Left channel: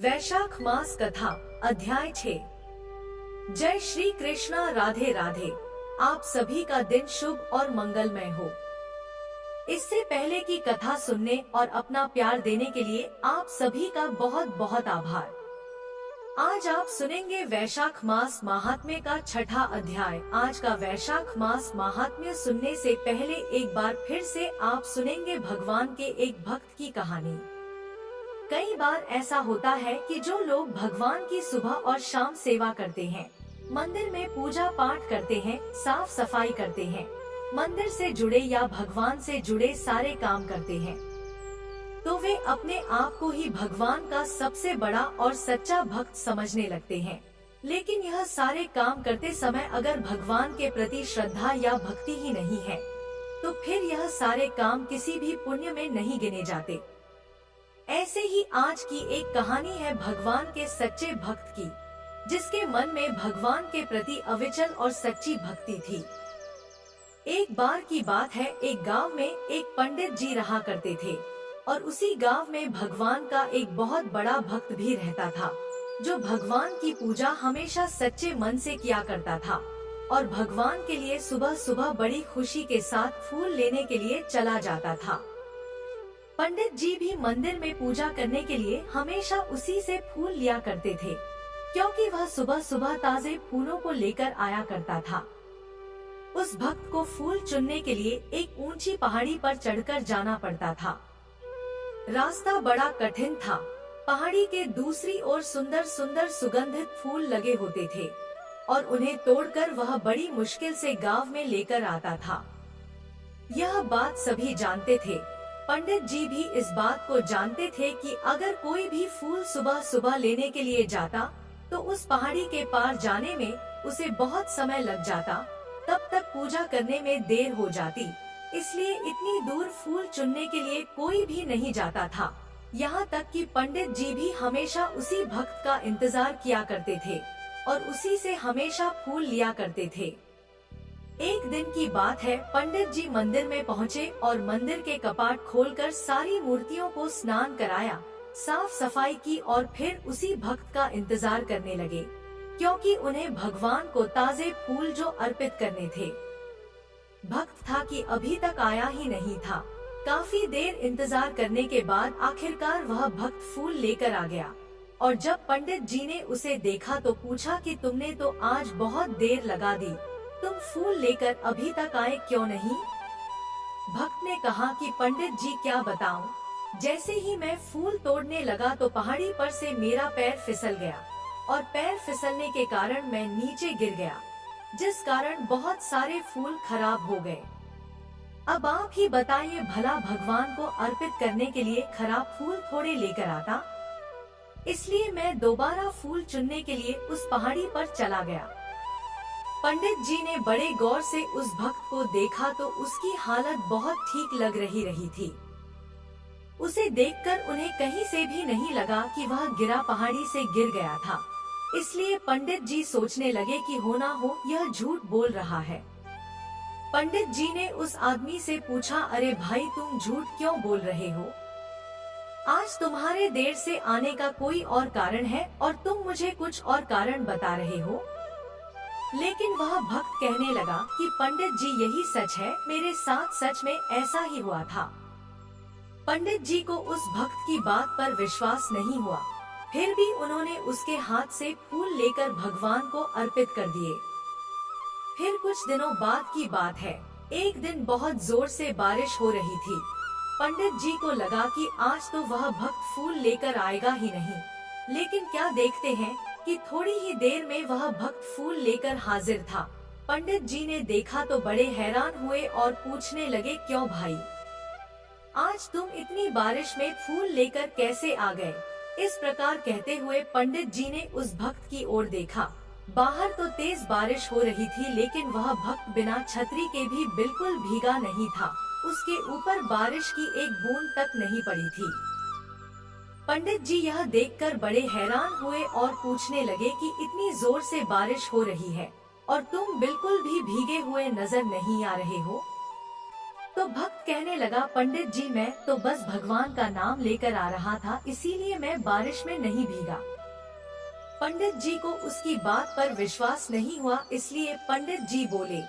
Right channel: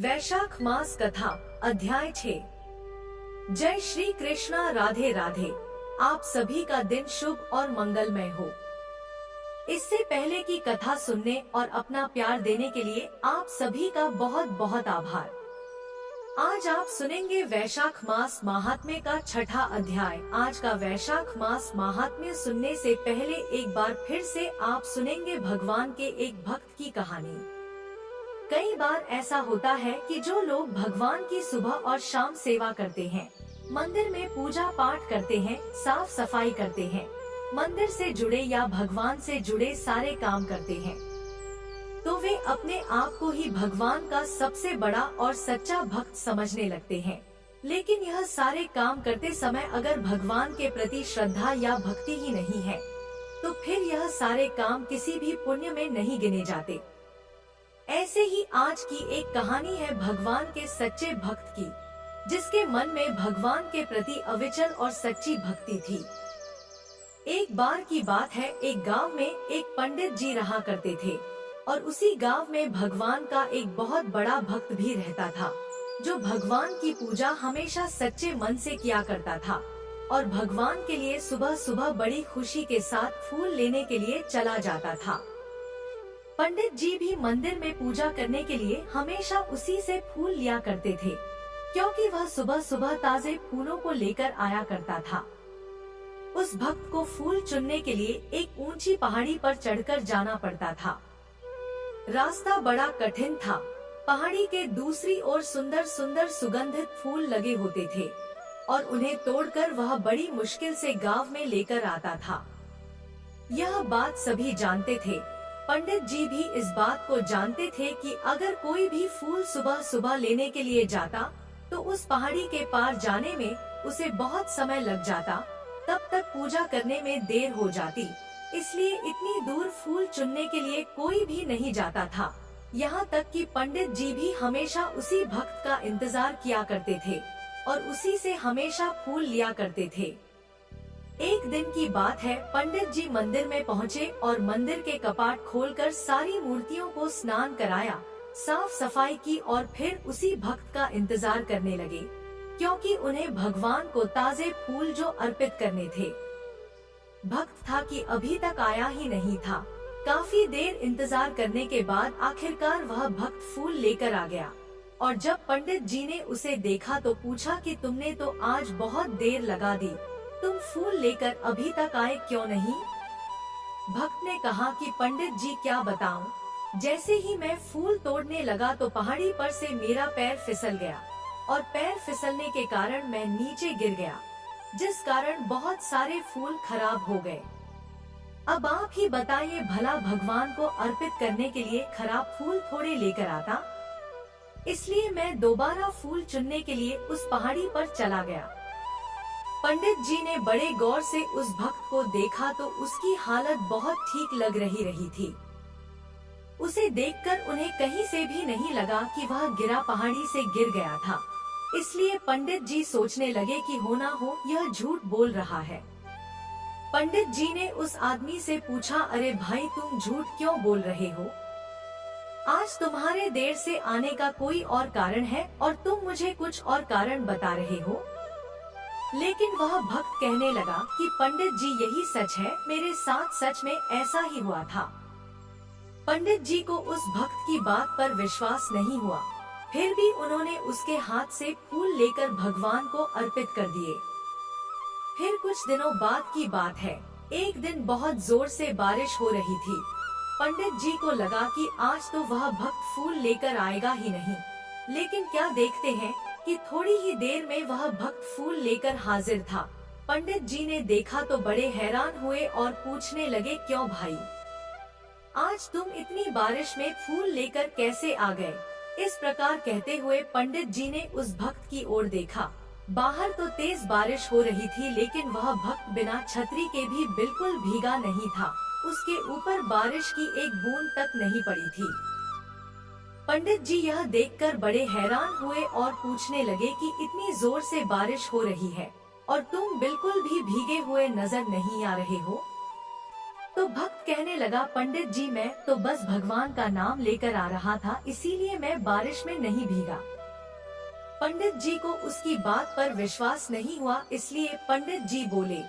वैशाख मास कथा अध्याय 6। जय श्री कृष्णा। राधे राधे। आप सभी का दिन शुभ और मंगलमय हो। इससे पहले की कथा सुनने और अपना प्यार देने के लिए आप सभी का बहुत बहुत आभार। आज आप सुनेंगे वैशाख मास महात्म्य का छठा अध्याय। आज का वैशाख मास महात्म्य सुनने से पहले एक बार फिर से आप सुनेंगे भगवान के एक भक्त की कहानी। कई बार ऐसा होता है कि जो लोग भगवान की सुबह और शाम सेवा करते हैं, मंदिर में पूजा पाठ करते हैं, साफ सफाई करते हैं, मंदिर से जुड़े या भगवान से जुड़े सारे काम करते हैं, तो वे अपने आप को ही भगवान का सबसे बड़ा और सच्चा भक्त समझने लगते हैं। लेकिन यह सारे काम करते समय अगर भगवान के प्रति श्रद्धा या भक्ति ही नहीं है, तो फिर यह सारे काम किसी भी पुण्य में नहीं गिने जाते। ऐसे ही आज की एक कहानी है भगवान के सच्चे भक्त की, जिसके मन में भगवान के प्रति अविचल और सच्ची भक्ति थी। एक बार की बात है, एक गांव में एक पंडित जी रहा करते थे और उसी गांव में भगवान का एक बहुत बड़ा भक्त भी रहता था, जो भगवान की पूजा हमेशा सच्चे मन से किया करता था और भगवान के लिए सुबह सुबह बड़ी खुशी के साथ फूल लेने के लिए चला जाता था। पंडित जी भी मंदिर में पूजा करने के लिए हमेशा उसी से फूल लिया करते थे, क्योंकि वह सुबह सुबह ताजे फूलों को लेकर आया करता था। उस भक्त को फूल चुनने के लिए एक ऊंची पहाड़ी पर चढ़कर जाना पड़ता था। रास्ता बड़ा कठिन था। पहाड़ी के दूसरी ओर सुंदर सुंदर सुगंधित फूल लगे होते थे और उन्हें तोड़कर वह बड़ी मुश्किल से गांव में लेकर आता था। यह बात सभी जानते थे। पंडित जी भी इस बात को जानते थे कि अगर कोई भी फूल सुबह सुबह लेने के लिए जाता तो उस पहाड़ी के पार जाने में उसे बहुत समय लग जाता, तब तक पूजा करने में देर हो जाती। इसलिए इतनी दूर फूल चुनने के लिए कोई भी नहीं जाता था। यहाँ तक कि पंडित जी भी हमेशा उसी भक्त का इंतजार किया करते थे और उसी से हमेशा फूल लिया करते थे। एक दिन की बात है, पंडित जी मंदिर में पहुँचे और मंदिर के कपाट खोलकर सारी मूर्तियों को स्नान कराया, साफ सफाई की और फिर उसी भक्त का इंतजार करने लगे, क्योंकि उन्हें भगवान को ताजे फूल जो अर्पित करने थे। भक्त था कि अभी तक आया ही नहीं था। काफी देर इंतजार करने के बाद आखिरकार वह भक्त फूल लेकर आ गया और जब पंडित जी ने उसे देखा तो पूछा कि तुमने तो आज बहुत देर लगा दी, तुम फूल लेकर अभी तक आए क्यों नहीं? भक्त ने कहा कि पंडित जी क्या बताऊं, जैसे ही मैं फूल तोड़ने लगा तो पहाड़ी पर से मेरा पैर फिसल गया और पैर फिसलने के कारण मैं नीचे गिर गया, जिस कारण बहुत सारे फूल खराब हो गए। अब आप ही बताइए, भला भगवान को अर्पित करने के लिए खराब फूल थोड़े लेकर आता? इसलिए मैं दोबारा फूल चुनने के लिए उस पहाड़ी पर चला गया। पंडित जी ने बड़े गौर से उस भक्त को देखा तो उसकी हालत बहुत ठीक लग रही थी। उसे देखकर उन्हें कहीं से भी नहीं लगा कि वह गिरा पहाड़ी से गिर गया था। इसलिए पंडित जी सोचने लगे कि हो ना हो यह झूठ बोल रहा है। पंडित जी ने उस आदमी से पूछा, अरे भाई, तुम झूठ क्यों बोल रहे हो? आज तुम्हारे देर से आने का कोई और कारण है और तुम मुझे कुछ और कारण बता रहे हो। लेकिन वह भक्त कहने लगा कि पंडित जी, यही सच है, मेरे साथ सच में ऐसा ही हुआ था। पंडित जी को उस भक्त की बात पर विश्वास नहीं हुआ, फिर भी उन्होंने उसके हाथ से फूल लेकर भगवान को अर्पित कर दिए। फिर कुछ दिनों बाद की बात है, एक दिन बहुत जोर से बारिश हो रही थी। पंडित जी को लगा कि आज तो वह भक्त फूल लेकर आएगा ही नहीं, लेकिन क्या देखते हैं कि थोड़ी ही देर में वह भक्त फूल लेकर हाजिर था। पंडित जी ने देखा तो बड़े हैरान हुए और पूछने लगे, क्यों भाई, आज तुम इतनी बारिश में फूल लेकर कैसे आ गए? इस प्रकार कहते हुए पंडित जी ने उस भक्त की ओर देखा। बाहर तो तेज बारिश हो रही थी, लेकिन वह भक्त बिना छतरी के भी बिल्कुल भीगा नहीं था। उसके ऊपर बारिश की एक बूंद तक नहीं पड़ी थी। पंडित जी यह देखकर बड़े हैरान हुए और पूछने लगे कि इतनी जोर से बारिश हो रही है और तुम बिल्कुल भी भीगे हुए नजर नहीं आ रहे हो। तो भक्त कहने लगा, पंडित जी मैं तो बस भगवान का नाम लेकर आ रहा था, इसीलिए मैं बारिश में नहीं भीगा। पंडित जी को उसकी बात पर विश्वास नहीं हुआ, इसलिए पंडित जी बोले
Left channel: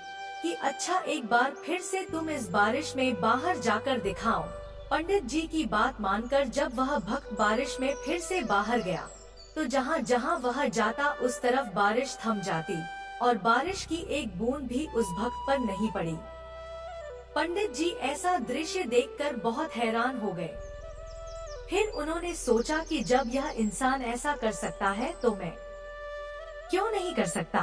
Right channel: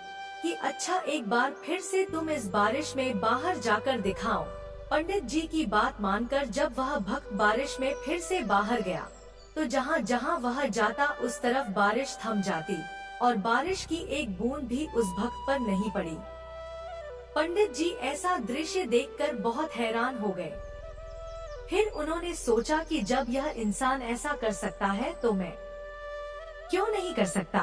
कि अच्छा एक बार फिर से तुम इस बारिश में बाहर जाकर दिखाओ। पंडित जी की बात मानकर जब वह भक्त बारिश में फिर से बाहर गया तो जहाँ जहाँ वह जाता उस तरफ बारिश थम जाती और बारिश की एक बूंद भी उस भक्त पर नहीं पड़ी। पंडित जी ऐसा दृश्य देखकर बहुत हैरान हो गए। फिर उन्होंने सोचा कि जब यह इंसान ऐसा कर सकता है तो मैं क्यों नहीं कर सकता।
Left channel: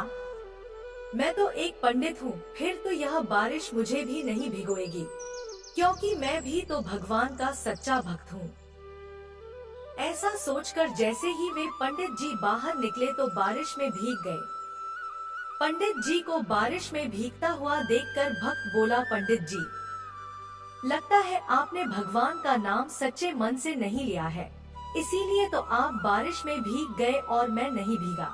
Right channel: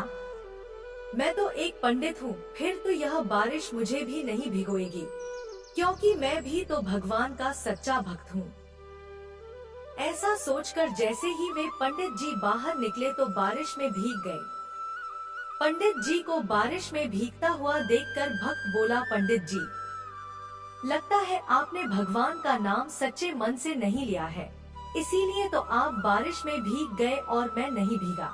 मैं तो एक पंडित हूँ, फिर तो यह बारिश मुझे भी नहीं भिगोएगी, क्योंकि मैं भी तो भगवान का सच्चा भक्त हूँ। ऐसा सोचकर जैसे ही वे पंडित जी बाहर निकले तो बारिश में भीग गए। पंडित जी को बारिश में भीगता हुआ देखकर भक्त बोला, पंडित जी लगता है आपने भगवान का नाम सच्चे मन से नहीं लिया है, इसीलिए तो आप बारिश में भीग गए और मैं नहीं भीगा।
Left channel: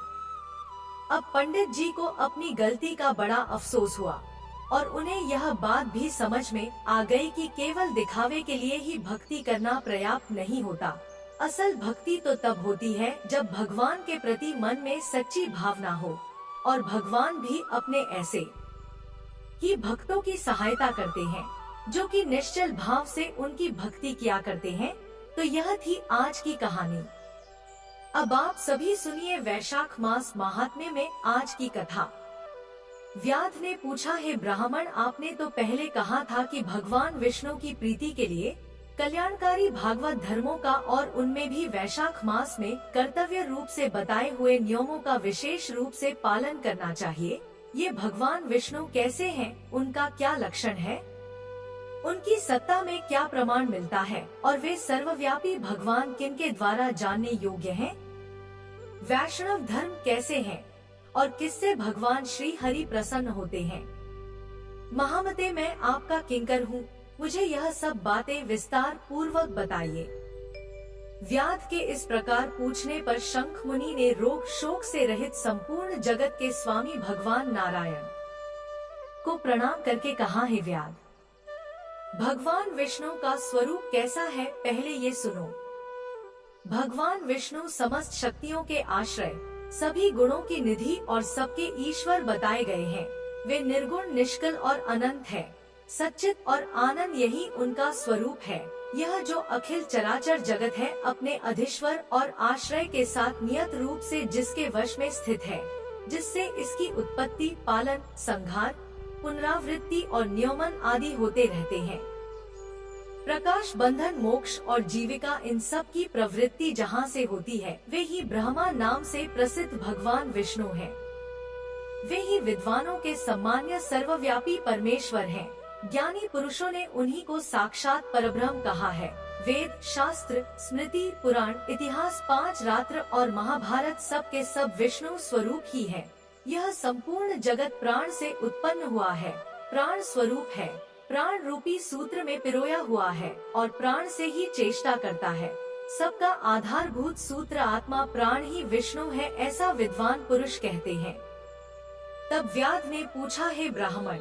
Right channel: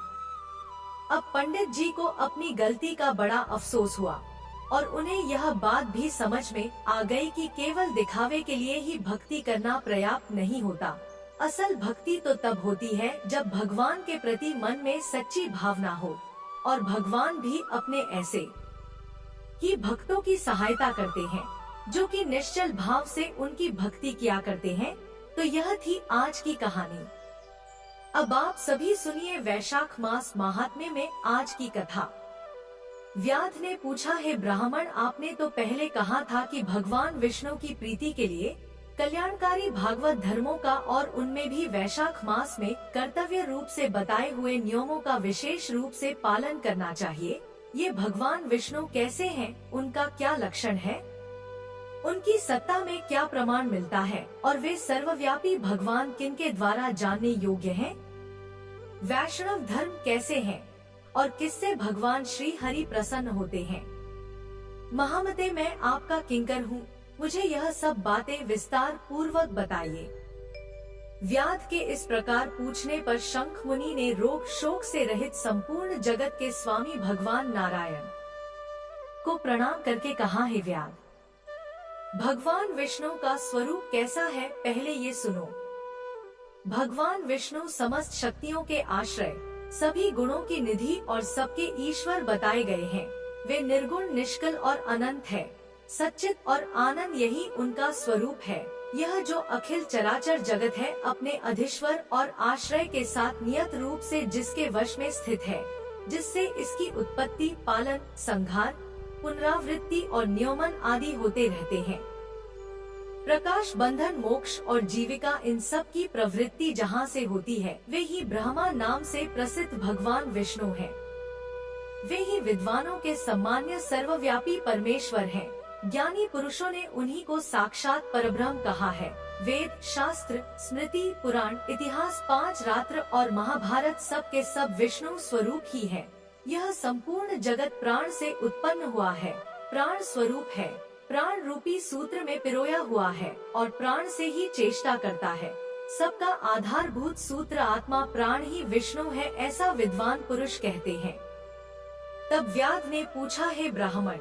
अब पंडित जी को अपनी गलती का बड़ा अफसोस हुआ और उन्हें यह बात भी समझ में आ गई कि केवल दिखावे के लिए ही भक्ति करना पर्याप्त नहीं होता। असल भक्ति तो तब होती है जब भगवान के प्रति मन में सच्ची भावना हो और भगवान भी अपने ऐसे ही भक्तों की सहायता करते हैं जो कि निश्चल भाव से उनकी भक्ति किया करते हैं। तो यह थी आज की कहानी। अब आप सभी सुनिए वैशाख मास महात्म्य में आज की कथा। व्याध ने पूछा, हे ब्राह्मण, आपने तो पहले कहा था कि भगवान विष्णु की प्रीति के लिए कल्याणकारी भागवत धर्मों का और उनमें भी वैशाख मास में कर्तव्य रूप से बताए हुए नियमों का विशेष रूप से पालन करना चाहिए। ये भगवान विष्णु कैसे हैं, उनका क्या लक्षण है, उनकी सत्ता में क्या प्रमाण मिलता है और वे सर्वव्यापी भगवान किनके द्वारा जानने योग्य हैं? वैष्णव धर्म कैसे हैं और किससे भगवान श्री हरि प्रसन्न होते हैं? महामते, मैं आपका किंकर हूँ, मुझे यह सब बातें विस्तार पूर्वक बताइए। व्याध के इस प्रकार पूछने पर शंख मुनि ने रोग शोक से रहित संपूर्ण जगत के स्वामी भगवान नारायण को प्रणाम करके कहा, है व्याध, भगवान विष्णु का स्वरूप कैसा है, पहले ये सुनो। भगवान विष्णु समस्त शक्तियों के आश्रय, सभी गुणों की निधि और सबके ईश्वर बताए गए हैं। वे निर्गुण, निष्कल और अनंत है। सच्चित और आनंद यही उनका स्वरूप है। यह जो अखिल चराचर जगत है अपने अधीश्वर और आश्रय के साथ नियत रूप से जिसके वश में स्थित है, जिससे इसकी उत्पत्ति, पालन, संहार, पुनरावृत्ति और नियमन आदि होते रहते हैं। प्रकाश, बंधन, मोक्ष और जीविका, इन सब की प्रवृत्ति जहाँ से होती है वे ही ब्रह्मा नाम से प्रसिद्ध भगवान विष्णु हैं। वे ही विद्वानों के सम्मान्य सर्वव्यापी परमेश्वर हैं। ज्ञानी पुरुषों ने उन्हीं को साक्षात परब्रह्म कहा है। वेद, शास्त्र, स्मृति, पुराण, इतिहास, 5 रात्र और महाभारत सब के सब विष्णु स्वरूप ही है। यह संपूर्ण जगत प्राण से उत्पन्न हुआ है, प्राण स्वरूप है, प्राण रूपी सूत्र में पिरोया हुआ है और प्राण से ही चेष्टा करता है। सबका आधारभूत सूत्र आत्मा प्राण ही विष्णु है, ऐसा विद्वान पुरुष कहते हैं। तब व्याध ने पूछा, हे ब्राह्मण,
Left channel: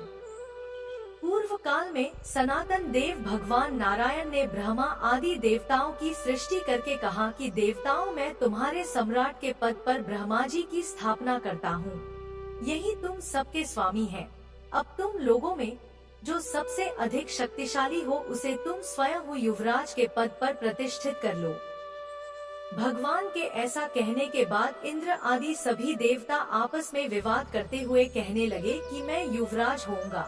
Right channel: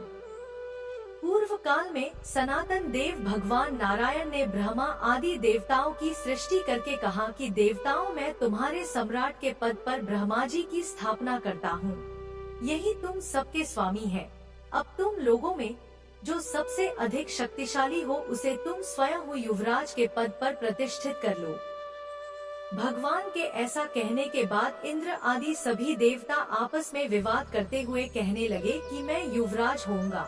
पूर्व काल में सनातन देव भगवान नारायण ने ब्रह्मा आदि देवताओं की सृष्टि करके कहा कि देवताओं, मैं तुम्हारे सम्राट के पद पर ब्रह्मा जी की स्थापना करता हूँ। यही तुम सबके स्वामी हैं। अब तुम लोगों में जो सबसे अधिक शक्तिशाली हो उसे तुम स्वयं हो युवराज के पद पर प्रतिष्ठित कर लो। भगवान के ऐसा कहने के बाद इंद्र आदि सभी देवता आपस में विवाद करते हुए कहने लगे कि मैं युवराज होऊंगा,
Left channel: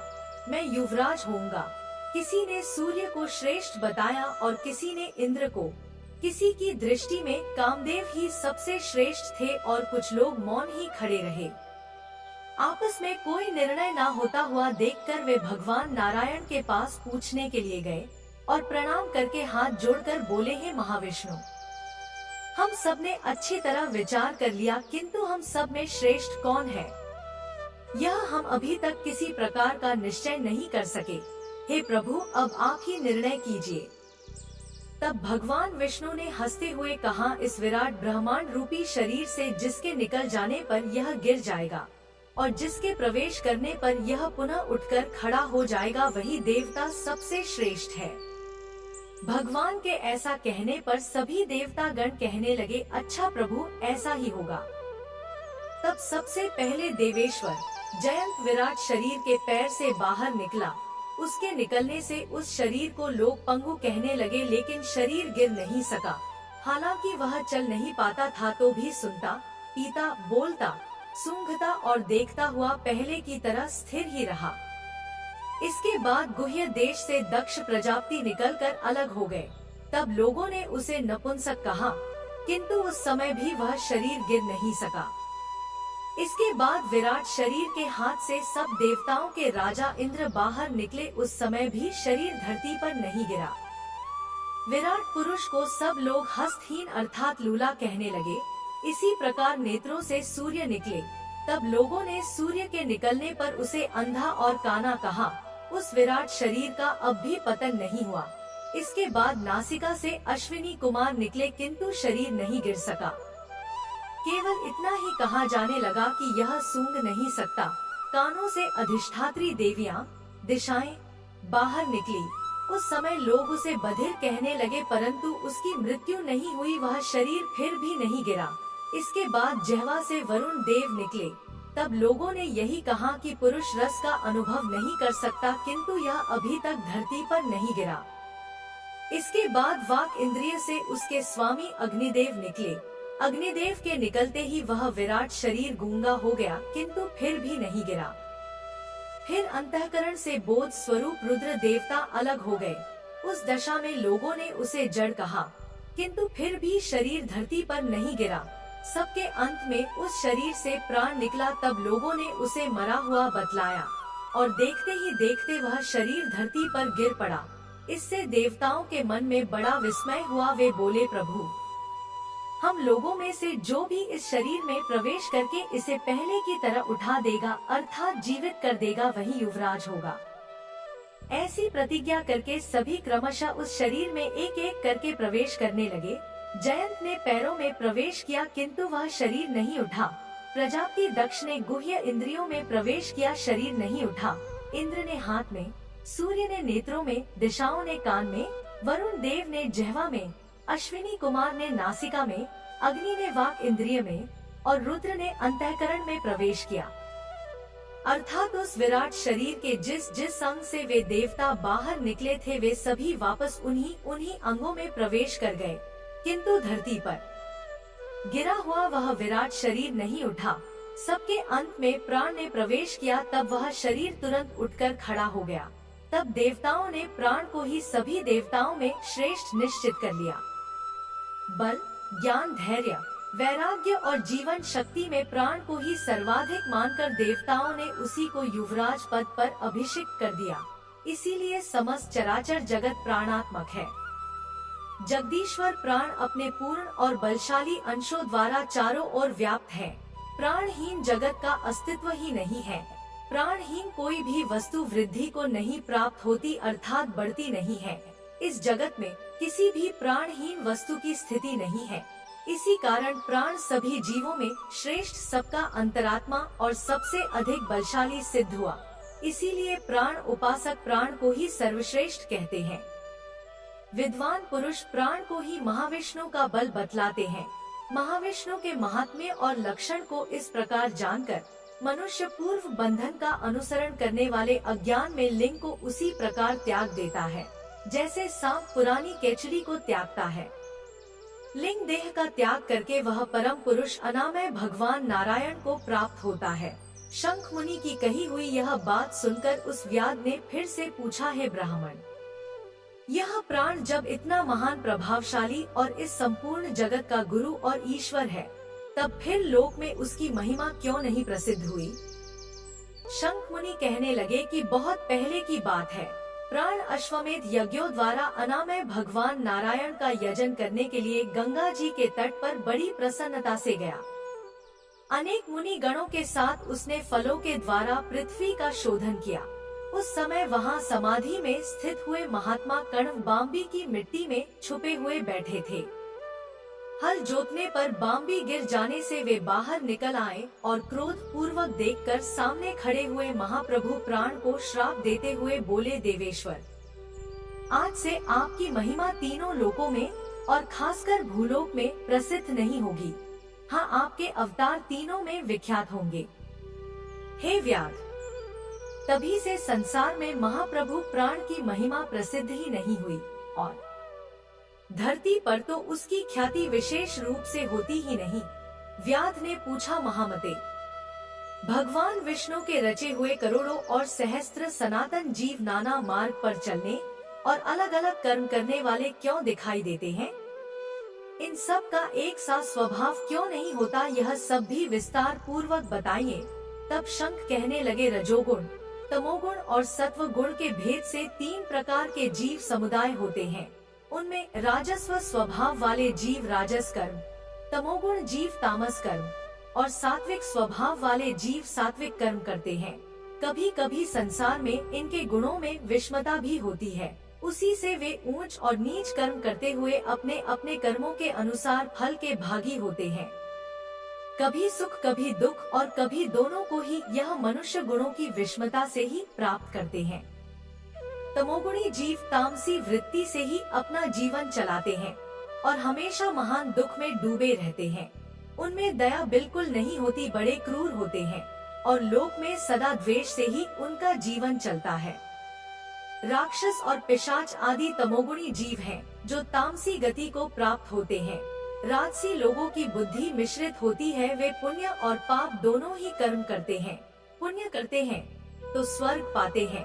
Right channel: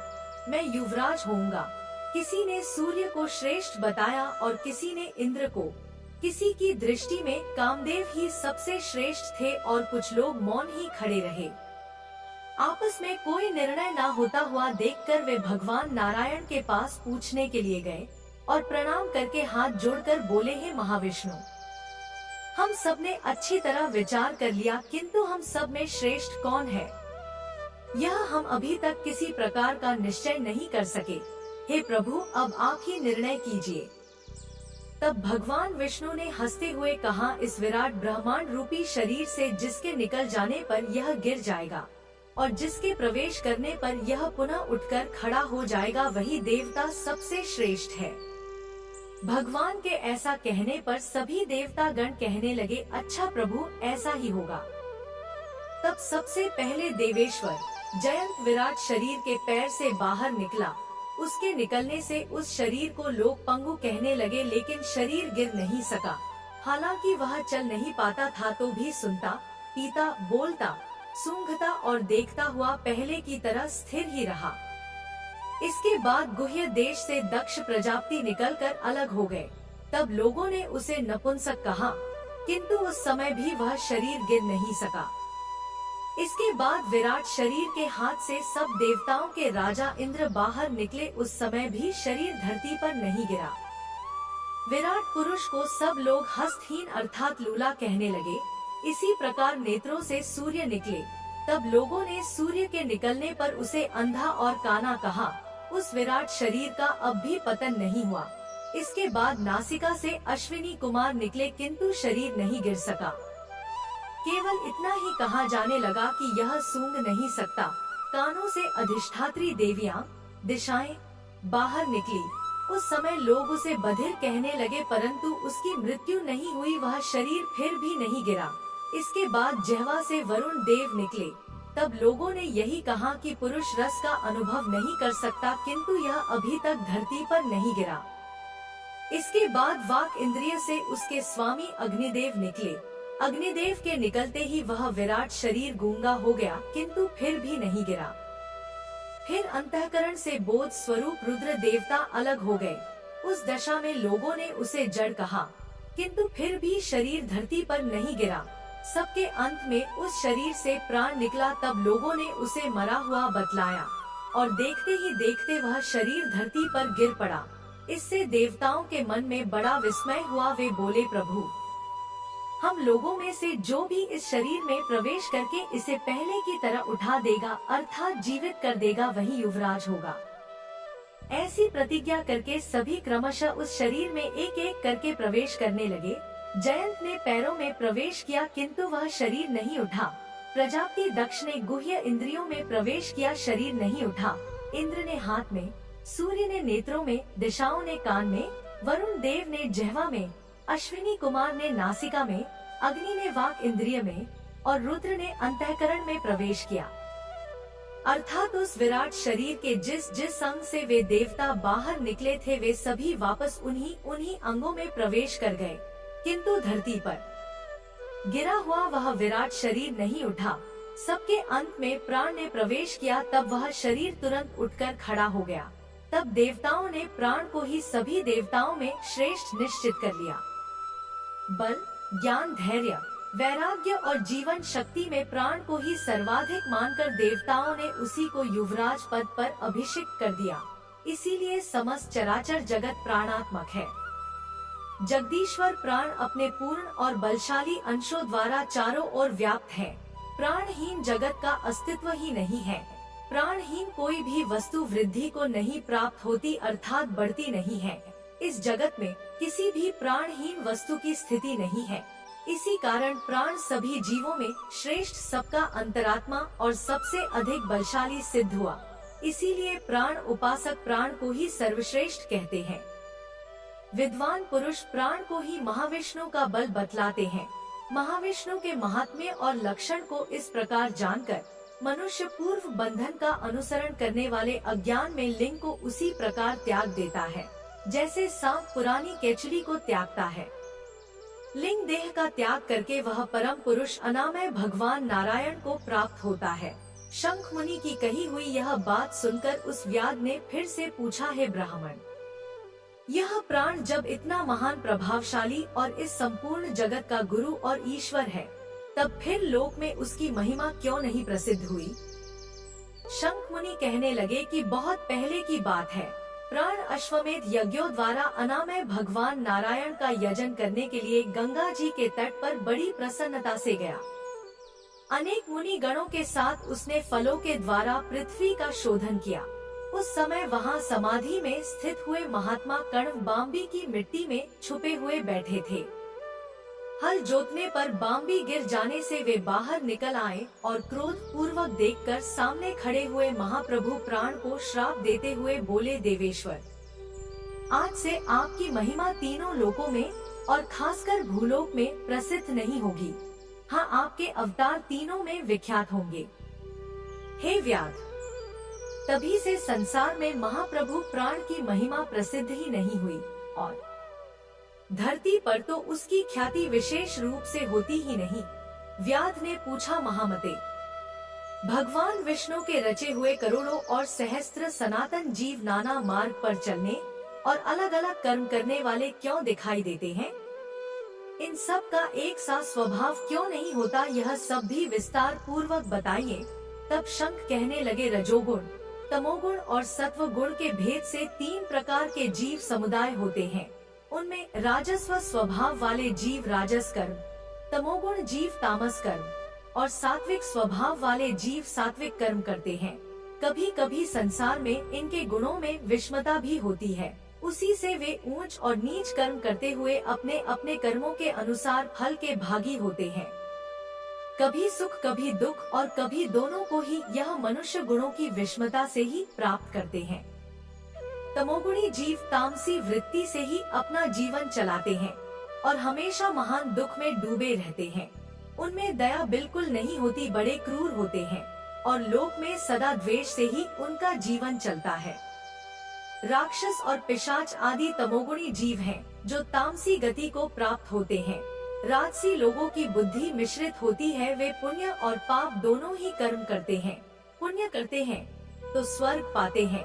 मैं युवराज होऊंगा। किसी ने सूर्य को श्रेष्ठ बताया और किसी ने इंद्र को। किसी की दृष्टि में कामदेव ही सबसे श्रेष्ठ थे और कुछ लोग मौन ही खड़े रहे। आपस में कोई निर्णय न होता हुआ देखकर वे भगवान नारायण के पास पूछने के लिए गए और प्रणाम करके हाथ जोड़कर बोले, हे महाविष्णु, हम सब ने अच्छी तरह विचार कर लिया, किंतु हम सब में श्रेष्ठ कौन है यह हम अभी तक किसी प्रकार का निश्चय नहीं कर सके। हे प्रभु, अब आप ही निर्णय कीजिए। तब भगवान विष्णु ने हंसते हुए कहा, इस विराट ब्रह्मांड रूपी शरीर से जिसके निकल जाने पर यह गिर जाएगा, और जिसके प्रवेश करने पर यह पुनः उठकर खड़ा हो जाएगा वही देवता सबसे श्रेष्ठ है। भगवान के ऐसा कहने पर सभी देवता गण कहने लगे, अच्छा प्रभु ऐसा ही होगा। तब सबसे पहले देवेश्वर जयंत विराट शरीर के पैर से बाहर निकला। उसके निकलने से उस शरीर को लोग पंगु कहने लगे, लेकिन शरीर गिर नहीं सका। हालांकि वह चल नहीं पाता था तो भी सुनता, पीता, बोलता, सूंघता और देखता हुआ पहले की तरह स्थिर ही रहा। इसके बाद गुह्य देश से दक्ष प्रजापति निकलकर अलग हो गए। तब लोगों ने उसे नपुंसक कहा, किंतु उस समय भी वह शरीर गिर नहीं सका। इसके बाद विराट शरीर के हाथ से सब देवताओं के राजा इंद्र बाहर निकले। उस समय भी शरीर धरती पर नहीं गिरा। विराट पुरुष को सब लोग हस्तहीन अर्थात लूला कहने लगे। इसी प्रकार नेत्रों से सूर्य निकले। तब लोगों ने सूर्य के निकलने पर उसे अंधा और काना कहा। उस विराट शरीर का अब भी पतन नहीं हुआ। इसके बाद नासिका से अश्विनी कुमार निकले, किंतु शरीर नहीं गिर सका। केवल इतना ही कहा जाने लगा कि यह सूंघ नहीं सकता। कानों से अधिष्ठात्री देवियां, दिशाएं बाहर निकली। उस समय लोग उसे बधिर कहने लगे, परंतु उसकी मृत्यु नहीं हुई, वह शरीर फिर भी नहीं गिरा। इसके बाद जिह्वा से वरुण देव निकले। तब लोगों ने यही कहा कि पुरुष रस का अनुभव नहीं कर सकता, किंतु यह अभी तक धरती पर नहीं गिरा। इसके बाद वाक इंद्रिय से उसके स्वामी अग्निदेव निकले। अग्निदेव के निकलते ही वह विराट शरीर गूंगा हो गया, किंतु फिर भी नहीं गिरा। फिर अंतःकरण से बोध स्वरूप रुद्र देवता अलग हो गए। उस दशा में लोगों ने उसे जड़ कहा, किंतु फिर भी शरीर धरती पर नहीं गिरा। सबके अंत में उस शरीर से प्राण निकला। तब लोगों ने उसे मरा हुआ बतलाया और देखते ही देखते वह शरीर धरती पर गिर पड़ा। इससे देवताओं के मन में बड़ा विस्मय हुआ। वे बोले, प्रभु, हम लोगों में से जो भी इस शरीर में प्रवेश करके इसे पहले की तरह उठा देगा अर्थात जीवित कर देगा वही युवराज होगा। ऐसी प्रतिज्ञा करके सभी क्रमशः उस शरीर में एक एक करके प्रवेश करने लगे। जयंत ने पैरों में प्रवेश किया, किंतु वह शरीर नहीं उठा। प्रजापति दक्ष ने गुह्य इंद्रियों में प्रवेश किया, शरीर नहीं उठा। इंद्र ने हाथ में, सूर्य ने नेत्रों में, दिशाओं ने कान में, वरुण देव ने जिह्वा में, अश्विनी कुमार ने नासिका में, अग्नि ने वाक इंद्रिय में और रुद्र ने अंतःकरण में प्रवेश किया। अर्थात उस विराट शरीर के जिस जिस अंग से वे देवता बाहर निकले थे वे सभी वापस उन्हीं अंगों में प्रवेश कर गए, किंतु धरती पर गिरा हुआ वह विराट शरीर नहीं उठा। सबके अंत में प्राण ने प्रवेश किया। तब वह शरीर तुरंत उठकर खड़ा हो गया। तब देवताओं ने प्राण को ही सभी देवताओं में श्रेष्ठ निश्चित कर लिया। बल, ज्ञान, धैर्य, वैराग्य और जीवन शक्ति में प्राण को ही सर्वाधिक मानकर देवताओं ने उसी को युवराज पद पर अभिषिक्त कर दिया। इसीलिए समस्त चराचर जगत प्राणात्मक है। जगदीश्वर प्राण अपने पूर्ण और बलशाली अंशों द्वारा चारों ओर व्याप्त है। प्राणहीन जगत का अस्तित्व ही नहीं है। प्राणहीन कोई भी वस्तु वृद्धि को नहीं प्राप्त होती अर्थात बढ़ती नहीं है। इस जगत में किसी भी प्राणहीन वस्तु की स्थिति नहीं है। इसी कारण प्राण सभी जीवों में श्रेष्ठ, सबका अंतरात्मा और सबसे अधिक बलशाली सिद्ध हुआ। इसीलिए प्राण उपासक प्राण को ही सर्वश्रेष्ठ कहते हैं। विद्वान पुरुष प्राण को ही महाविष्णु का बल बतलाते हैं। महाविष्णु के महात्म्य और लक्षण को इस प्रकार जानकर मनुष्य पूर्व बंधन का अनुसरण करने वाले अज्ञान में लिंग को उसी प्रकार त्याग देता है जैसे सांप पुरानी केचुली को त्यागता है। लिंग देह का त्याग करके वह परम पुरुष अनामय भगवान नारायण को प्राप्त होता है। शंख मुनि की कही हुई यह बात सुनकर उस व्याध ने फिर से पूछा, हे ब्राह्मण, यह प्राण जब इतना महान, प्रभावशाली और इस संपूर्ण जगत का गुरु और ईश्वर है, तब फिर लोक में उसकी महिमा क्यों नहीं प्रसिद्ध हुई? शंख मुनि कहने लगे कि बहुत पहले की बात है। प्राण अश्वमेध यज्ञों द्वारा अनामय भगवान नारायण का यजन करने के लिए गंगा जी के तट पर बड़ी प्रसन्नता से गया। अनेक मुनि गणों के साथ उसने फलों के द्वारा पृथ्वी का शोधन किया। उस समय वहां समाधि में स्थित हुए महात्मा कण्व बाम्बी की मिट्टी में छुपे हुए बैठे थे। हल जोतने पर बाम्बी गिर जाने से वे बाहर निकल आए और क्रोध पूर्वक देखकर सामने खड़े हुए महाप्रभु प्राण को श्राप देते हुए बोले, देवेश्वर, आज से आपकी महिमा तीनों लोकों में और खासकर भूलोक में प्रसिद्ध नहीं होगी। हाँ, आपके अवतार तीनों में विख्यात होंगे। हे व्याध, तभी से संसार में महाप्रभु प्राण की महिमा प्रसिद्ध ही नहीं हुई और धरती पर तो उसकी ख्याति विशेष रूप से होती ही नहीं। व्याध ने पूछा, महामते, भगवान विष्णु के रचे हुए करोड़ों और सहस्त्र सनातन जीव नाना मार्ग पर चलने और अलग अलग कर्म करने वाले क्यों दिखाई देते हैं? इन सब का एक सा स्वभाव क्यों नहीं होता? यह सब भी विस्तार पूर्वक बताइए। तब शंख कहने लगे, रजोगुण, तमोगुण और सत्व गुण के भेद से 3 प्रकार के जीव समुदाय होते हैं। उनमें राजस्व स्वभाव वाले जीव राजस कर्म, तमोगुण जीव तामस कर्म और सात्विक स्वभाव वाले जीव सात्विक कर्म करते हैं। कभी कभी संसार में इनके गुणों में विषमता भी होती है। उसी से वे ऊंच और नीच कर्म करते हुए अपने अपने कर्मों के अनुसार फल के भागी होते हैं। कभी सुख कभी दुख और कभी दोनों को ही यह मनुष्य गुणों की विषमता से ही प्राप्त करते हैं। तमोगुणी जीव तामसी वृत्ति से ही अपना जीवन चलाते हैं और हमेशा महान दुख में डूबे रहते हैं। उनमें दया बिल्कुल नहीं होती, बड़े क्रूर होते हैं और लोक में सदा द्वेष से ही उनका जीवन चलता है। राक्षस और पिशाच आदि तमोगुणी जीव हैं, जो तामसी गति को प्राप्त होते हैं। राजसी लोगों की बुद्धि मिश्रित होती है, वे पुण्य और पाप दोनों ही कर्म करते हैं। पुण्य करते हैं तो स्वर्ग पाते हैं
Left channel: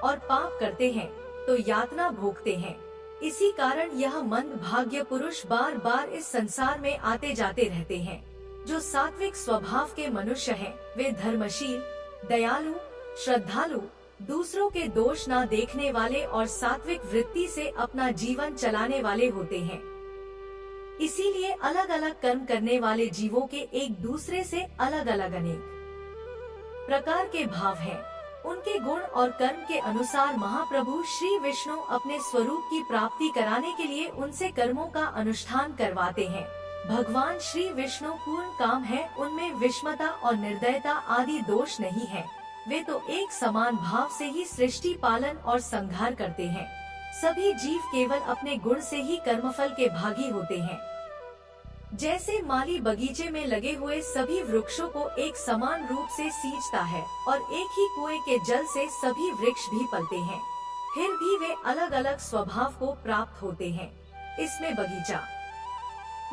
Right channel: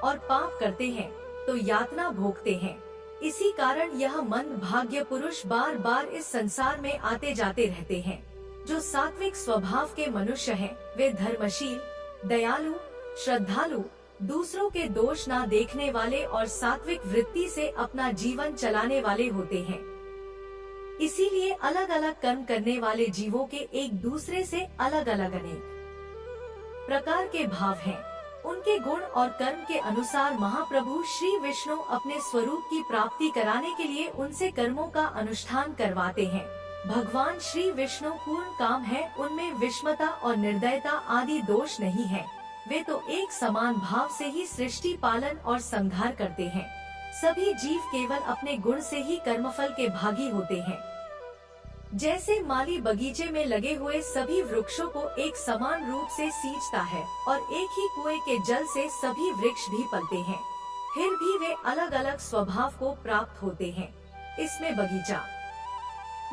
और पाप करते हैं तो यातना भोगते हैं। इसी कारण यह मंद भाग्य पुरुष बार बार इस संसार में आते जाते रहते हैं। जो सात्विक स्वभाव के मनुष्य हैं, वे धर्मशील, दयालु, श्रद्धालु, दूसरों के दोष ना देखने वाले और सात्विक वृत्ति से अपना जीवन चलाने वाले होते हैं। इसीलिए अलग अलग कर्म करने वाले जीवों के एक दूसरे से अलग अलग अनेक प्रकार के भाव हैं। उनके गुण और कर्म के अनुसार महाप्रभु श्री विष्णु अपने स्वरूप की प्राप्ति कराने के लिए उनसे कर्मों का अनुष्ठान करवाते हैं। भगवान श्री विष्णु पूर्ण काम है, उनमें विषमता और निर्दयता आदि दोष नहीं है। वे तो एक समान भाव से ही सृष्टि पालन और संहार करते हैं। सभी जीव केवल अपने गुण से ही कर्मफल के भागी होते हैं। जैसे माली बगीचे में लगे हुए सभी वृक्षों को एक समान रूप से सींचता है और एक ही कुएं के जल से सभी वृक्ष भी पलते हैं, फिर भी वे अलग अलग स्वभाव को प्राप्त होते हैं। इसमें बगीचा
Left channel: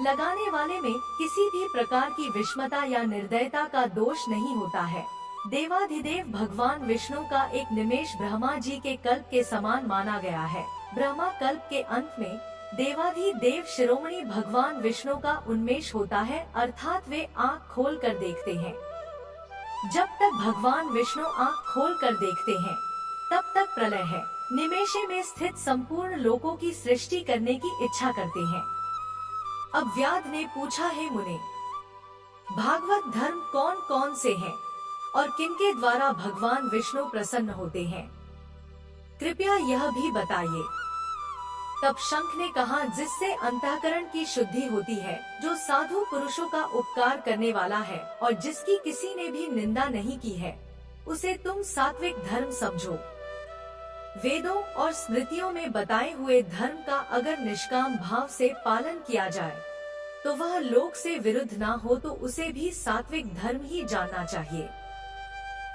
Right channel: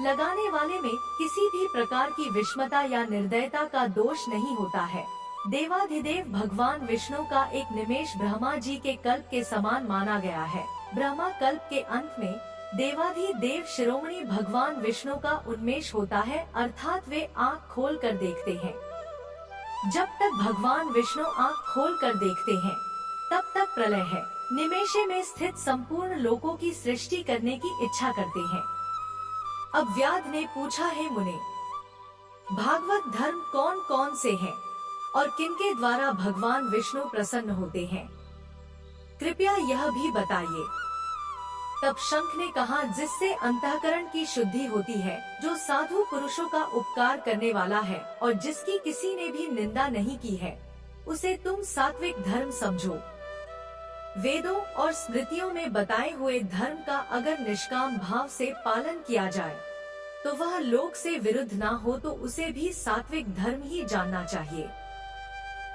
लगाने वाले में किसी भी प्रकार की विषमता या निर्दयता का दोष नहीं होता है। देवाधिदेव भगवान विष्णु का एक निमेष ब्रह्मा जी के कल्प के समान माना गया है। ब्रह्मा कल्प के अंत में देवाधिदेव शिरोमणि भगवान विष्णु का उन्मेष होता है, अर्थात वे आँख खोल कर देखते हैं। जब तक भगवान विष्णु आँख खोल कर देखते हैं, तब तक प्रलय है। निमेषे में स्थित संपूर्ण लोकों की सृष्टि करने की इच्छा करते हैं। अब व्याध ने पूछा, है मुने, भागवत धर्म कौन कौन से हैं और किनके द्वारा भगवान विष्णु प्रसन्न होते हैं? कृपया यह भी बताइए। तब शंख ने कहा, जिससे अंतःकरण की शुद्धि होती है, जो साधु पुरुषों का उपकार करने वाला है और जिसकी किसी ने भी निंदा नहीं की है, उसे तुम सात्विक धर्म समझो। वेदों और स्मृतियों में बताए हुए धर्म का अगर निष्काम भाव से पालन किया जाए तो वह लोक से विरुद्ध ना हो, तो उसे भी सात्विक धर्म ही जानना चाहिए।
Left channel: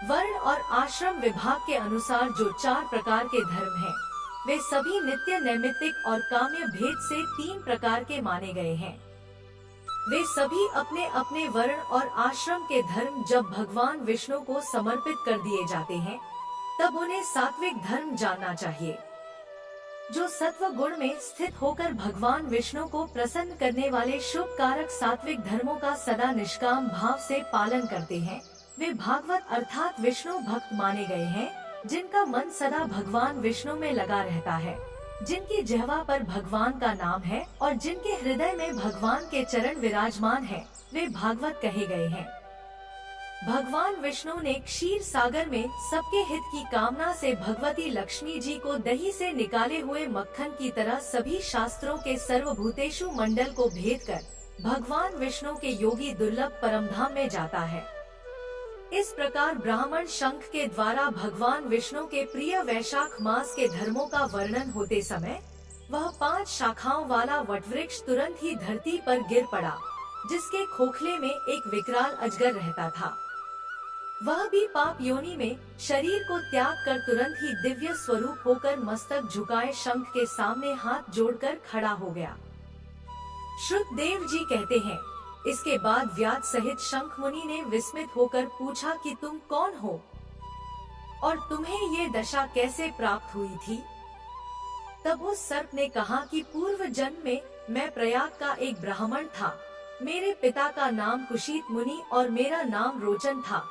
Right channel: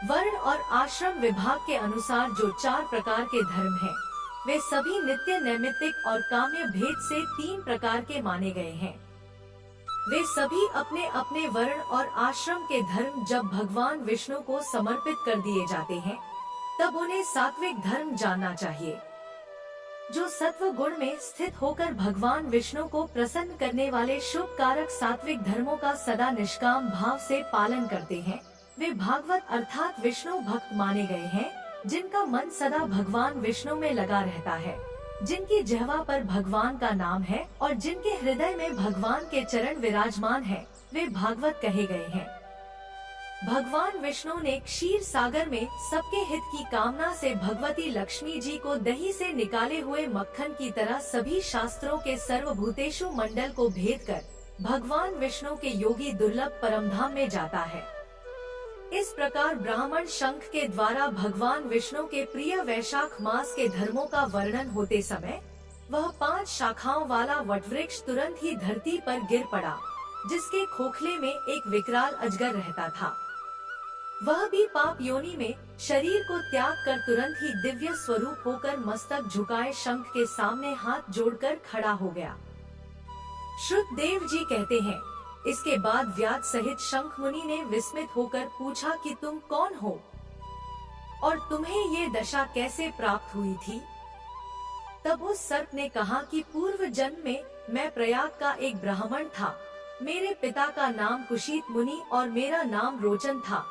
वर्ण और आश्रम विभाग के अनुसार जो 4 प्रकार के धर्म हैं, वे सभी नित्य, नैमित्तिक और काम्य भेद से 3 प्रकार के माने गए हैं। वे सभी अपने अपने वर्ण और आश्रम के धर्म जब भगवान विष्णु को समर्पित कर दिए जाते हैं, तब उन्हें सात्विक धर्म जानना चाहिए। जो सत्व गुण में स्थित होकर भगवान विष्णु को प्रसन्न करने वाले शुभ कारक सात्विक धर्मों का सदा निष्काम भाव से पालन करते हैं, वे भागवत अर्थात विष्णु भक्त माने गए हैं। जिनका मन सदा भगवान विष्णु में लगा रहता है, जिनकी जिह्वा पर भगवान का नाम है और जिनके हृदय में भगवान के चरण विराजमान है, वे भागवत कहे गए हैं। भगवान विष्णु ने क्षीर सागर में सबके हित की कामना से भगवती लक्ष्मी जी को दही से निकाले हुए मक्खन की तरह सभी शास्त्रों के सर्वभूतेषु मंडल को भेद कर भगवान विष्णु के योगी दुर्लभ परमधाम में जाता है। इस प्रकार ब्राह्मण शंख के द्वारा भगवान विष्णु के प्रिय वैशाख मास के धर्मों का वर्णन होते समय वह 5 शाखाओं वाला वटवृक्ष तुरंत ही धरती पर गिर पड़ा, जिसके खोखले में एक विकराल अजगर रहता था। वह भी पाप योनि में शरीर को त्याग कर तुरंत ही दिव्य स्वरूप होकर मस्तक झुकाए शंख के सामने हाथ जोड़कर खड़ा हो गया। श्रुतदेव जी कहते हैं, इसके बाद व्यास सहित शंख मुनि ने विस्मित होकर पूछा कि तुम कौन हो और तुम्हें ये दशा कैसे प्राप्त हुई थी? तब उस सर्प ने कहा कि पूर्व जन्म में मैं प्रयाग का एक ब्राह्मण था। मेरे पिता का नाम कुशीत मुनि और मेरा नाम रोचन था।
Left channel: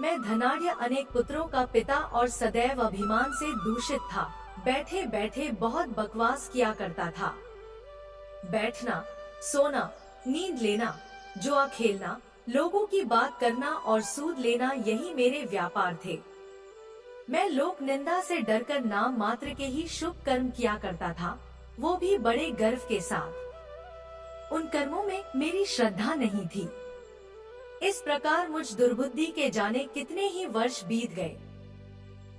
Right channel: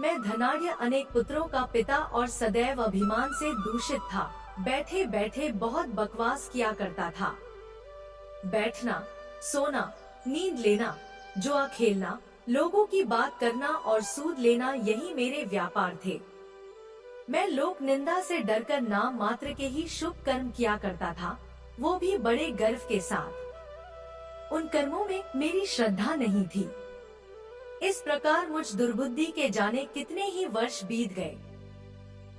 मैं धनाढ्य अनेक पुत्रों का पिता और सदैव अभिमान से दूषित था। बैठे बैठे बहुत बकवास किया करता था। बैठना, सोना, नींद लेना, जुआ खेलना, लोगों की बात करना और सूद लेना, यही मेरे व्यापार थे। मैं लोक निंदा से डरकर नाम मात्र के ही शुभ कर्म किया करता था, वो भी बड़े गर्व के साथ। उन कर्मों में मेरी श्रद्धा नहीं थी। इस प्रकार मुझ दुर्बुद्धि के जाने कितने ही वर्ष बीत गए।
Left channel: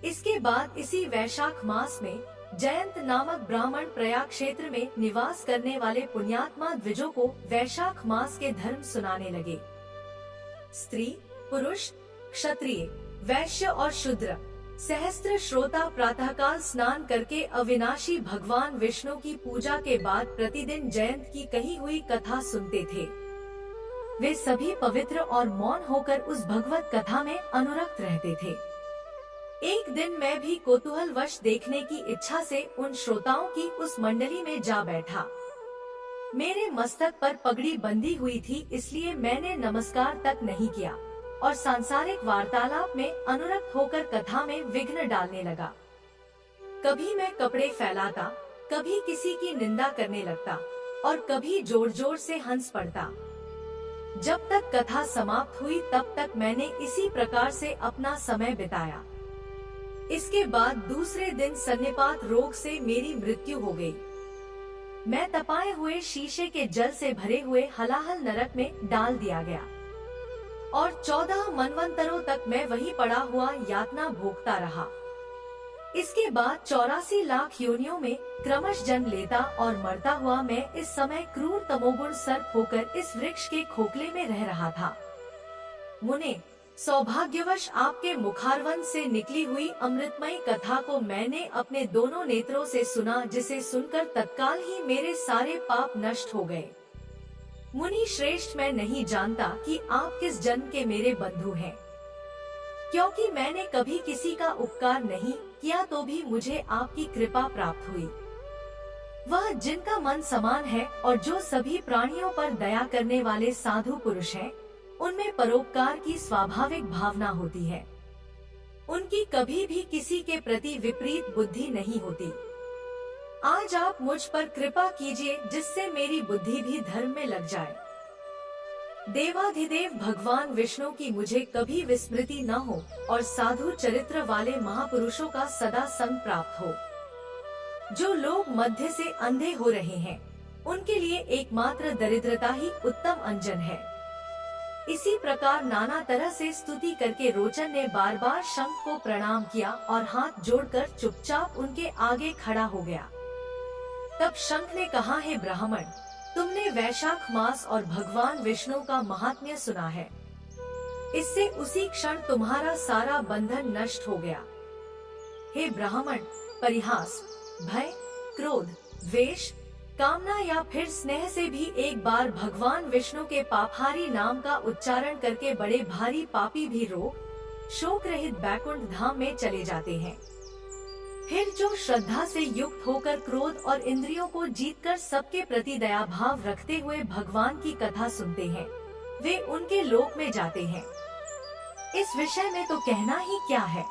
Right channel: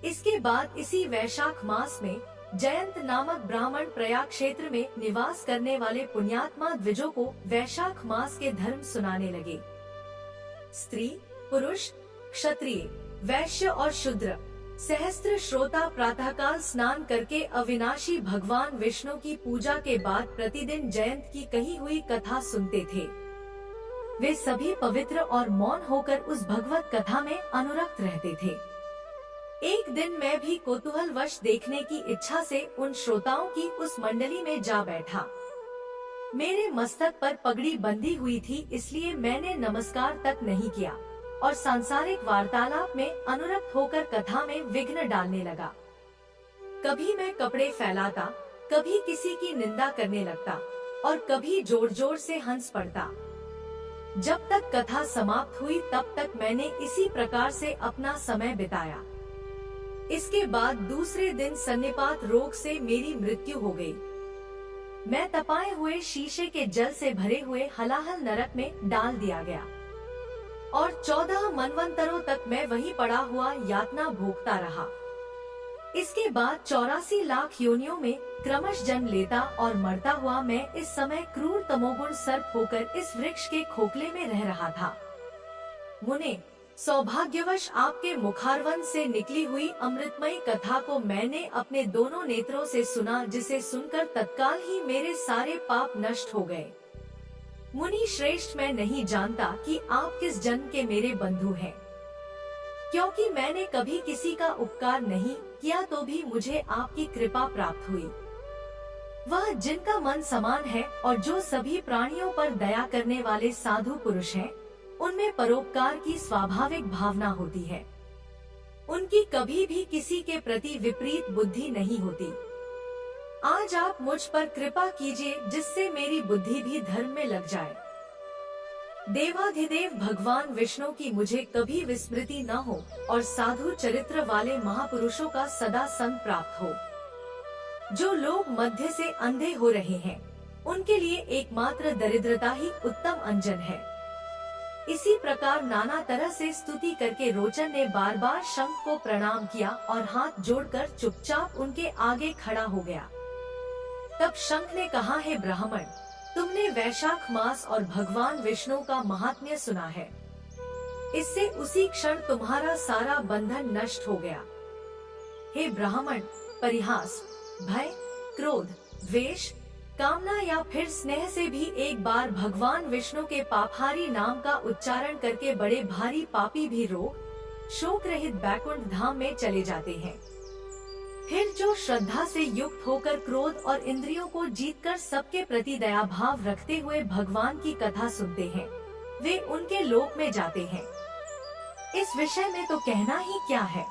इसके बाद इसी वैशाख मास में जयंत नामक ब्राह्मण प्रयाग क्षेत्र में निवास करने वाले पुण्यात्मा द्विजों को वैशाख मास के धर्म सुनाने लगे। स्त्री, पुरुष, क्षत्रिय, वैश्य और शूद्र सहस्त्र श्रोता प्रातःकाल स्नान करके अविनाशी भगवान विष्णु की पूजा के बाद प्रतिदिन जयंत की कही हुई कथा सुनते थे। वे सभी पवित्र और मौन होकर उस भगवत कथा में अनुरक्त रहते थे। एक दिन मैं भी कौतूहलवश देखने की इच्छा से उन श्रोताओं की उस मंडली में जा बैठा। मेरे मस्तक पर पगड़ी बंधी हुई थी, इसलिए मैंने नमस्कार तक नहीं किया और सांसारिक वार्तालाप में अनुरक्त होकर कथा में विघ्न डालने लगा। कभी मैं कपड़े फैलाता, कभी किसी की निंदा करने लगता और कभी जोर जोर से हंस पड़ता। जब तक कथा समाप्त हुई तब तक मैंने इसी प्रकार से अपना समय बिताया। इसके बाद दूसरे दिन सन्निपात रोग से मेरी मृत्यु हो गई। मैं तपाए हुए शीशे के जल से भरे हुए हलाहल नरक में डाल दिया गया और 14 मनवंतरों तक मैं वहीं पड़ा हुआ यातना भोगता रहा। इसके बाद 84 लाख योनियों में क्रमश जन्म लेता और मरता हुआ मैं इस समय क्रूर तमोगुण सर्प होकर इस वृक्ष के खोखले में रह रहा था। मुने, सौभाग्यवश आपके मुखारवन से निकली हुई अमृतमयी कथा को मैंने अपने दोनों नेत्रों से सुना, जिसे सुनकर तत्काल ही मेरे सारे पाप नष्ट हो गए। मुनि श्रेष्ठ, मैं नहीं जानता कि आप किस जन्म के मेरे बंधु हैं, क्योंकि मैंने कभी किसी का उपकार नहीं किया तो भी मुझे आपकी कृपा प्राप्त हुई। वह जिनका मन समान है और जो सभी प्राणियों पर दया करने वाले साधु पुरुष हैं, उनमें परोपकार की स्वाभाविक भावना होती है। उनकी कभी भी किसी के प्रति विपरीत बुद्धि नहीं होती। आज आप मुझ पर कृपा कीजिए, जिससे मेरी बुद्धि भी धर्म में लग जाए। देवाधिदेव भगवान विष्णु की मुझे कभी विस्मृति न हो और साधु चरित्र वाले महापुरुषों का सदा संग प्राप्त हो। जो लोग मध्य से अंधे हो रहे हैं, उनके लिए एकमात्र दरिद्रता ही उत्तम अंजन है। इसी प्रकार नाना तरह से स्तुति करके रोचन ने बार बार शंख को प्रणाम किया और हाथ जोड़कर चुपचाप उनके आगे खड़ा हो गया। तब शंख ने कहा, हे ब्राह्मण, तुमने वैशाख मास और भगवान विष्णु का महात्म्य सुना है। इससे उसी क्षण तुम्हारा सारा बंधन नष्ट हो गया। हे ब्राह्मण, परिहास, भय, क्रोध, द्वेष, कामना या फिर स्नेह से भी एक बार भगवान विष्णु के पापहारी नाम का उच्चारण करके बड़े भारी पापी भी रोग शोक रहित बैकुंठ धाम में चले जाते हैं। फिर जो श्रद्धा से युक्त होकर क्रोध और इंद्रियों को जीतकर सबके प्रति दया भाव रखते हुए भगवान की कथा सुनते हैं, वे उनके लोक में जाते हैं। इस विषय में तो कहना ही क्या है।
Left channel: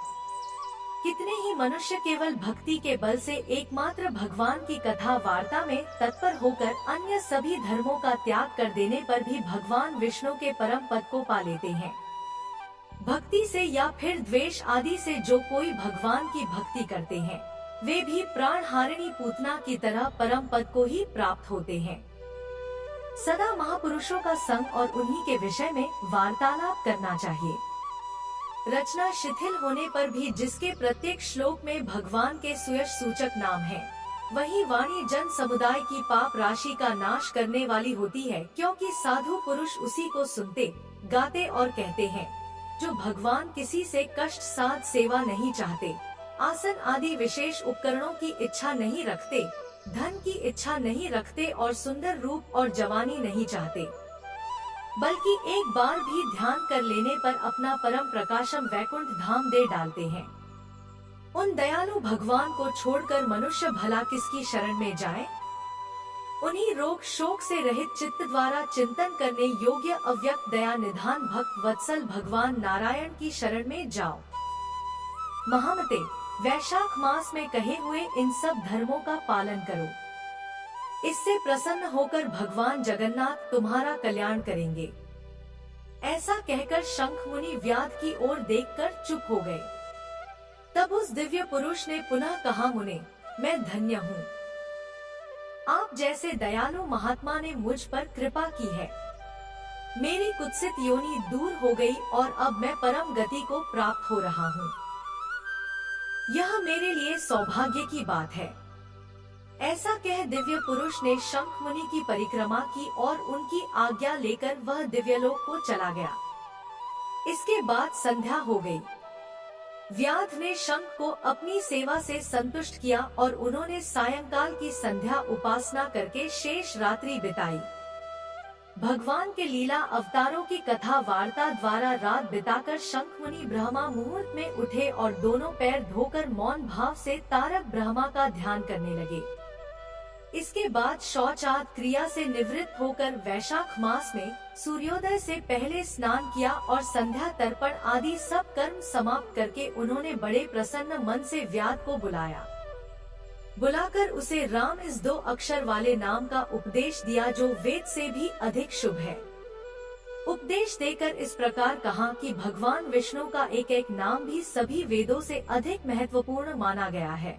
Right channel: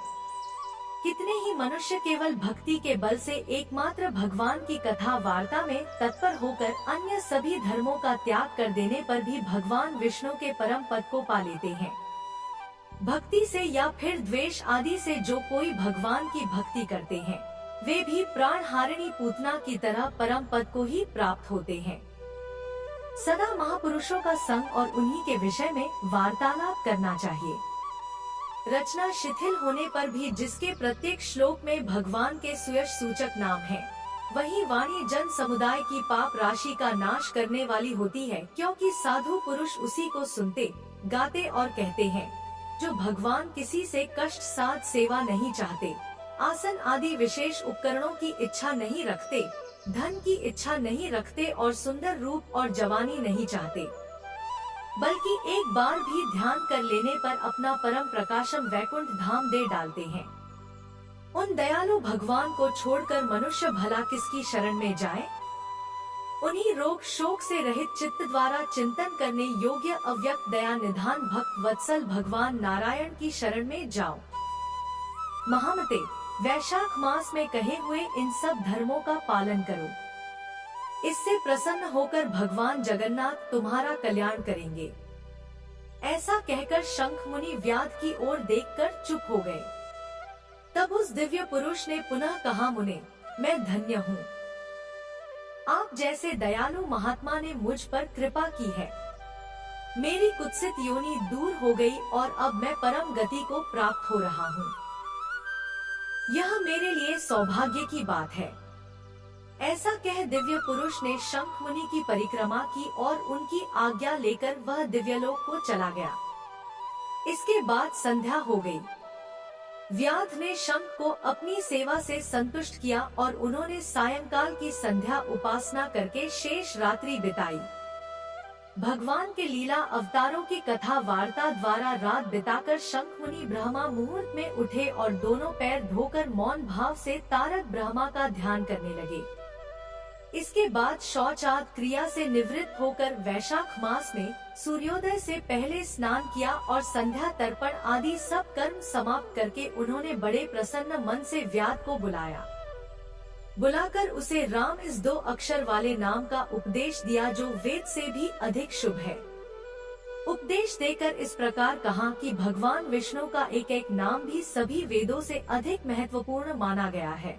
कितने ही मनुष्य केवल भक्ति के बल से एकमात्र भगवान की कथा वार्ता में तत्पर होकर अन्य सभी धर्मों का त्याग कर देने पर भी भगवान विष्णु के परम पद को पा लेते हैं। भक्ति से या फिर द्वेष आदि से जो कोई भगवान की भक्ति करते हैं, वे भी प्राण हारिणी पूतना की तरह परम पद को ही प्राप्त होते हैं। सदा महापुरुषों का संग और उन्हीं के विषय में वार्तालाप करना चाहिए। रचना शिथिल होने पर भी जिसके प्रत्येक श्लोक में भगवान के सुयश सूचक नाम है, वही वाणी जन समुदाय की पाप राशि का नाश करने वाली होती है, क्योंकि साधु पुरुष उसी को सुनते, गाते और कहते हैं, जो भगवान किसी से कष्ट साध सेवा नहीं चाहते, आसन आदि विशेष उपकरणों की इच्छा नहीं रखते, धन की इच्छा नहीं रखते और सुंदर रूप और जवानी नहीं चाहते, बल्कि एक बार भी ध्यान कर लेने पर अपना परम प्रकाशम वैकुंठ धाम दे डालते हैं। उन दयालु भगवान को छोड़कर मनुष्य भला किसकी शरण में जाए? उन्हीं रोग शोक से रहित चित्त द्वारा चिंतन करने योग्य अव्यक्त दया निधान भक्त वत्सल भगवान नारायण की शरण में जाओ। महामते, वैशाख मास में कहे हुए इन सब धर्मों का पालन करो। इससे प्रसन्न होकर भगवान जगन्नाथ तुम्हारा कल्याण करेंगे। ऐसा कहकर शंख मुनि व्याध की ओर देखकर चुप हो गए। तब उस दिव्य पुरुष ने पुनः कहा, मुने, मैं धन्य हूँ। आप जैसे दयालु महात्मा ने मुझ पर कृपा की है। मेरी कुत्सित योनि दूर हो गई और अब मैं परम गति को प्राप्त हो रहा हूँ। यह मेरे लिए सौभाग्य की बात है। ऐसा कह दिव्य पुरुष ने शंख मुनि की परिक्रमा की और उनकी आज्ञा लेकर वह दिव्यलोक को चला गया। इसके बाद संध्या हो गई। व्याध ने शंख को अपनी सेवा से संतुष्ट किया और उन्होंने सायंकाल की संध्या उपासना करके शेष रात्रि बिताई। भगवान के लीला अवतारों की कथा वार्ता द्वारा रात बिताकर शंख मुनि ब्रह्मा मुहूर्त में उठे और दोनों पैर धोकर मौन भाव से तारक ब्रह्मा का ध्यान करने लगे। इसके बाद शौचाद क्रिया से निवृत्त होकर वैशाख मास में सूर्योदय से पहले स्नान किया और संध्या तर्पण आदि सब कर्म समाप्त करके उन्होंने बड़े प्रसन्न मन से व्याध को बुलाया। बुलाकर उसे राम इस 2 अक्षर वाले नाम का उपदेश दिया, जो वेद से भी अधिक शुभ है। उपदेश देकर इस प्रकार कहा कि भगवान विष्णु का एक एक नाम भी सभी वेदों से अधिक महत्वपूर्ण माना गया है।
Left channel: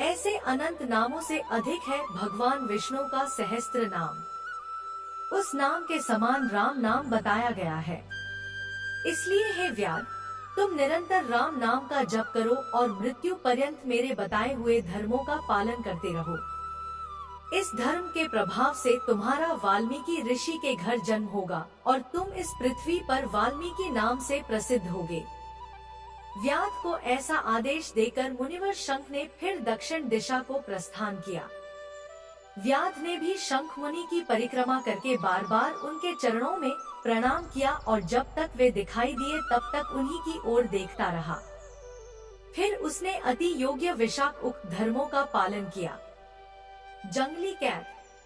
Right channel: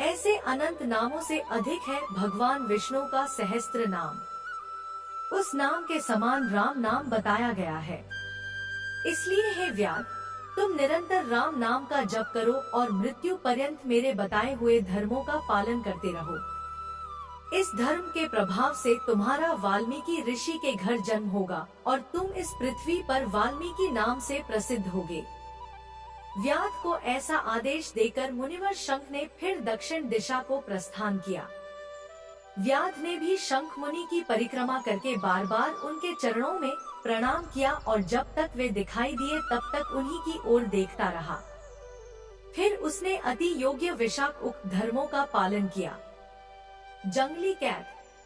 ऐसे अनंत नामों से अधिक है भगवान विष्णु का सहस्त्र नाम। उस नाम के समान राम नाम बताया गया है। इसलिए हे व्याध, तुम निरंतर राम नाम का जप करो और मृत्यु पर्यंत मेरे बताए हुए धर्मों का पालन करते रहो। इस धर्म के प्रभाव से तुम्हारा वाल्मीकि ऋषि के घर जन्म होगा और तुम इस पृथ्वी पर वाल्मीकि नाम से प्रसिद्ध होगे। व्याध को ऐसा आदेश देकर मुनिवर शंख ने फिर दक्षिण दिशा को प्रस्थान किया। व्याध ने भी शंख मुनि की परिक्रमा करके बार बार उनके चरणों में प्रणाम किया और जब तक वे दिखाई दिए तब तक उन्हीं की ओर देखता रहा। फिर उसने अति योग्य विशाख उक्त धर्मों का पालन किया। जंगली कैट,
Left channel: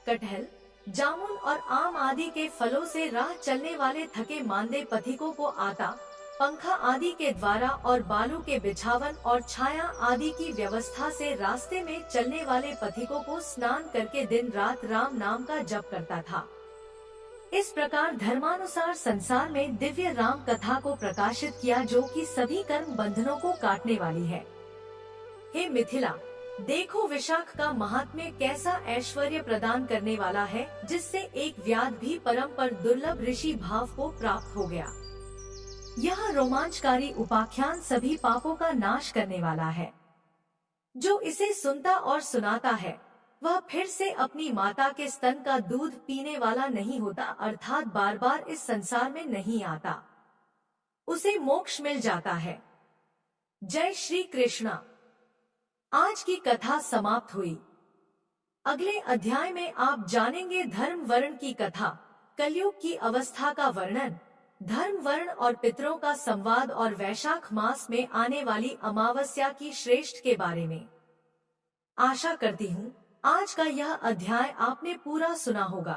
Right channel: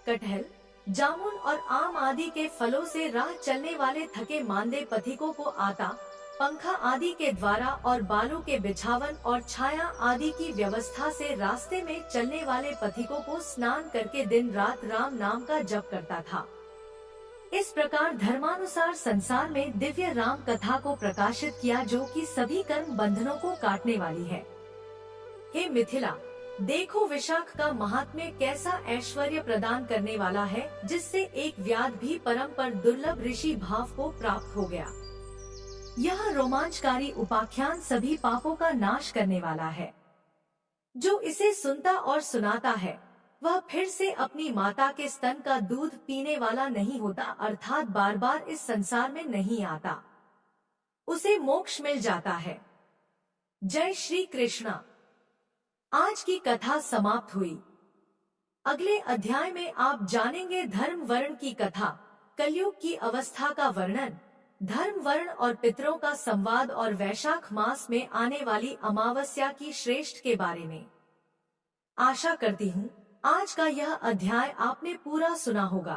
कटहल, जामुन और आम आदि के फलों से राह चलने वाले थके मांदे पथिकों को आता, पंखा आदि के द्वारा और बालू के बिछावन और छाया आदि की व्यवस्था से रास्ते में चलने वाले पथिकों को स्नान करके दिन रात राम नाम का जप करता था। इस प्रकार धर्मानुसार संसार में दिव्य राम कथा को प्रकाशित किया, जो कि सभी कर्म बंधनों को काटने वाली है। हे मिथिला, देखो विशाख का महात्म्य कैसा ऐश्वर्य प्रदान करने वाला है, जिससे एक व्याध भी परम पर दुर्लभ ऋषि भाव को प्राप्त हो गया। यह रोमांचकारी उपाख्यान सभी पापों का नाश करने वाला है। जो इसे सुनता और सुनाता है वह फिर से अपनी माता के स्तन का दूध पीने वाला नहीं होता, अर्थात बार बार इस संसार में नहीं आता। उसे मोक्ष मिल जाता है। जय श्री कृष्ण। आज की कथा समाप्त हुई। अगले अध्याय में आप जानेंगे धर्म वर्ण की कथा, कलयुग की अवस्था का वर्णन, धर्म वर्ण और पितरों का संवाद और वैशाख मास में आने वाली अमावस्या की श्रेष्ठ के बारे में। आशा करती हूँ आज का यह अध्याय आपने पूरा सुना होगा।